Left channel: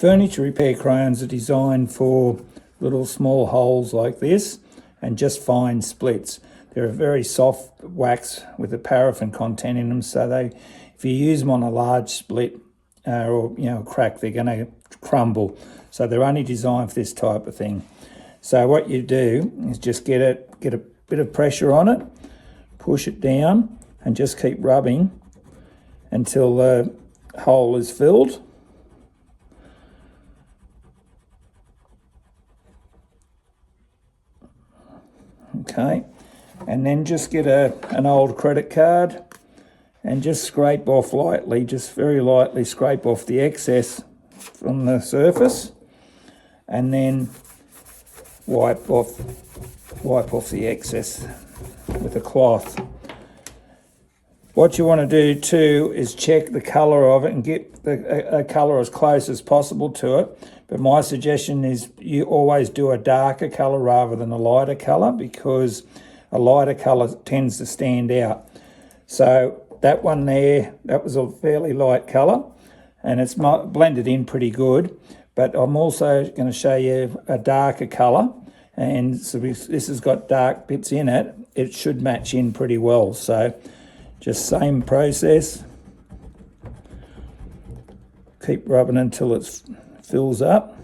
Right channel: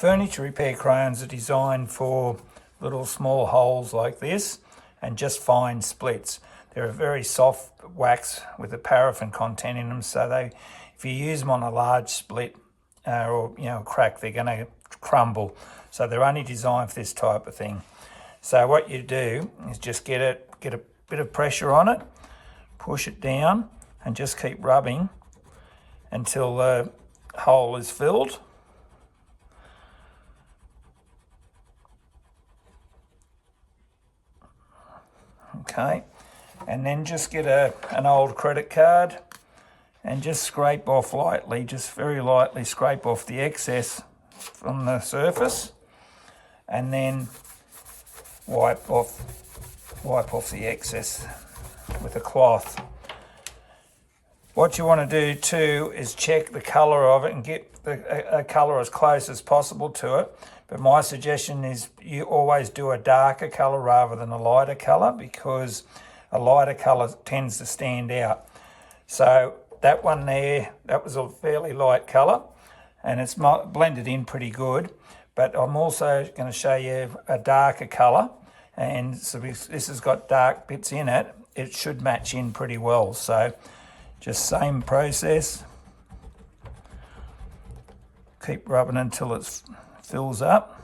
Furniture repair crayons are designed for little small holes like this and just fine splits. They're a very soft wax with a paraffin content in them, so if you use them on a large split or crack, they're going to crumble. So they're only designed for this type of thing. So what you do is just get a bit of pressure on it, push it down, and just keep rubbing until the hole is filled. Okay, and then just get an old credit card and just scrape off lightly, just very lightly scrape off the excess from the surface, and then wipe off the excess with a cloth. What you want to do too is check the colour of it and get a colour as close as possible to it. But my suggestion is you always do a darker colour rather than a lighter colour, because a lighter colour tends to stand out. So that one there, that was a fairly light colour and it's blended in pretty good. But I'm also going to show you a darker colour, and so this has got dark bits in it. It should match in pretty well. So just same process. Keep rubbing until it fills up.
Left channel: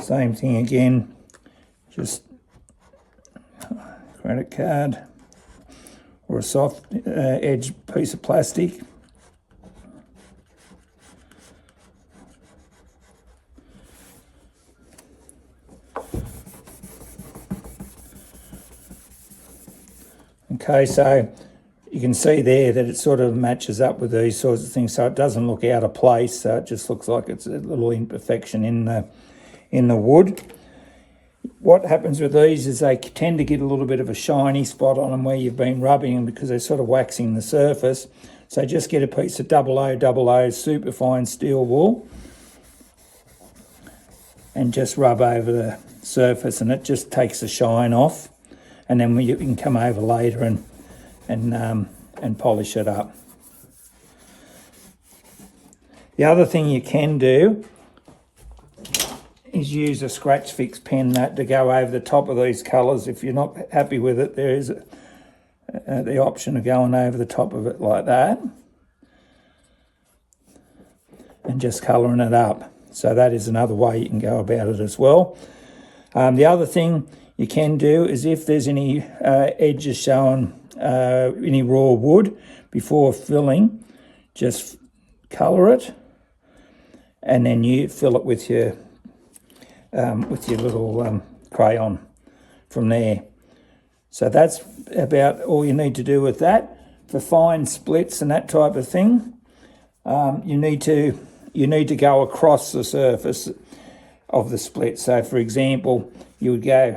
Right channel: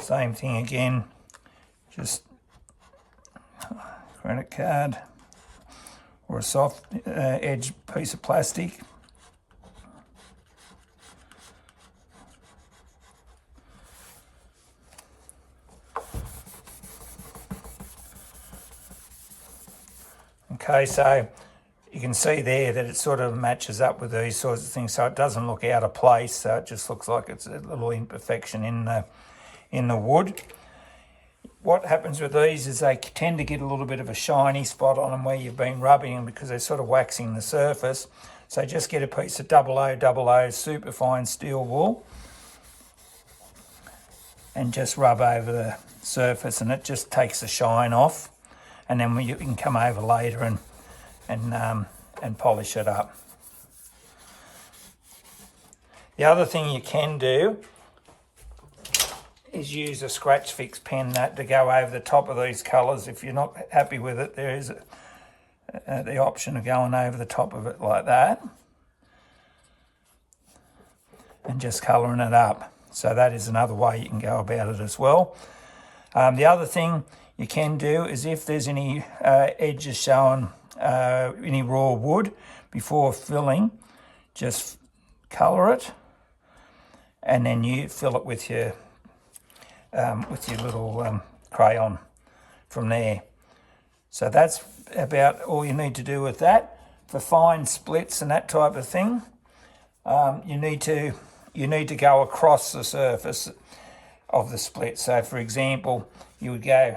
Same thing again, just credit card or a soft edge piece of plastic. Okay, so you can see there that it sort of matches up with these sorts of things, so it doesn't look out of place, so it just looks like it's a little imperfection in the wood. What happens with these is they tend to get a little bit of a shiny spot on them where you've been rubbing them, because they're sort of waxing the surface. So just get a piece of 0000 superfine steel wool and just rub over the surface, and it just takes the shine off. And then you can come over later and polish it up. The other thing you can do is use a scratch fix pen to go over the top of these colours. If you're not happy with it, there is the option of going over the top of it like that and just colouring it up. So that is another way you can go about it as well. The other thing you can do is, if there's any edges showing any raw wood, before filling, just colour it, and then you fill it with your little crayon from there. So that's about all you need to do with that. For fine splits and that type of thing, you need to go across the surface of the split. So for example, you would go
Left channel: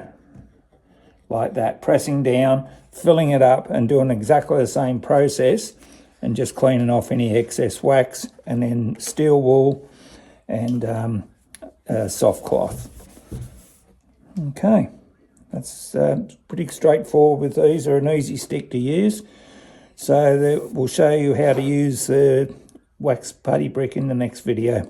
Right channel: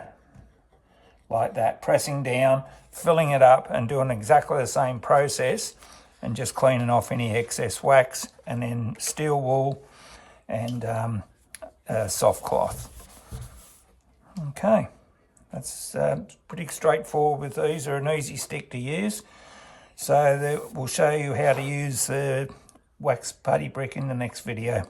like that, pressing down, filling it up, and doing exactly the same process, and just cleaning off any excess wax, and then steel wool and soft cloth. Okay, that's pretty straightforward with these. They're an easy stick to use. So we'll show you how to use the wax putty brick in the next video.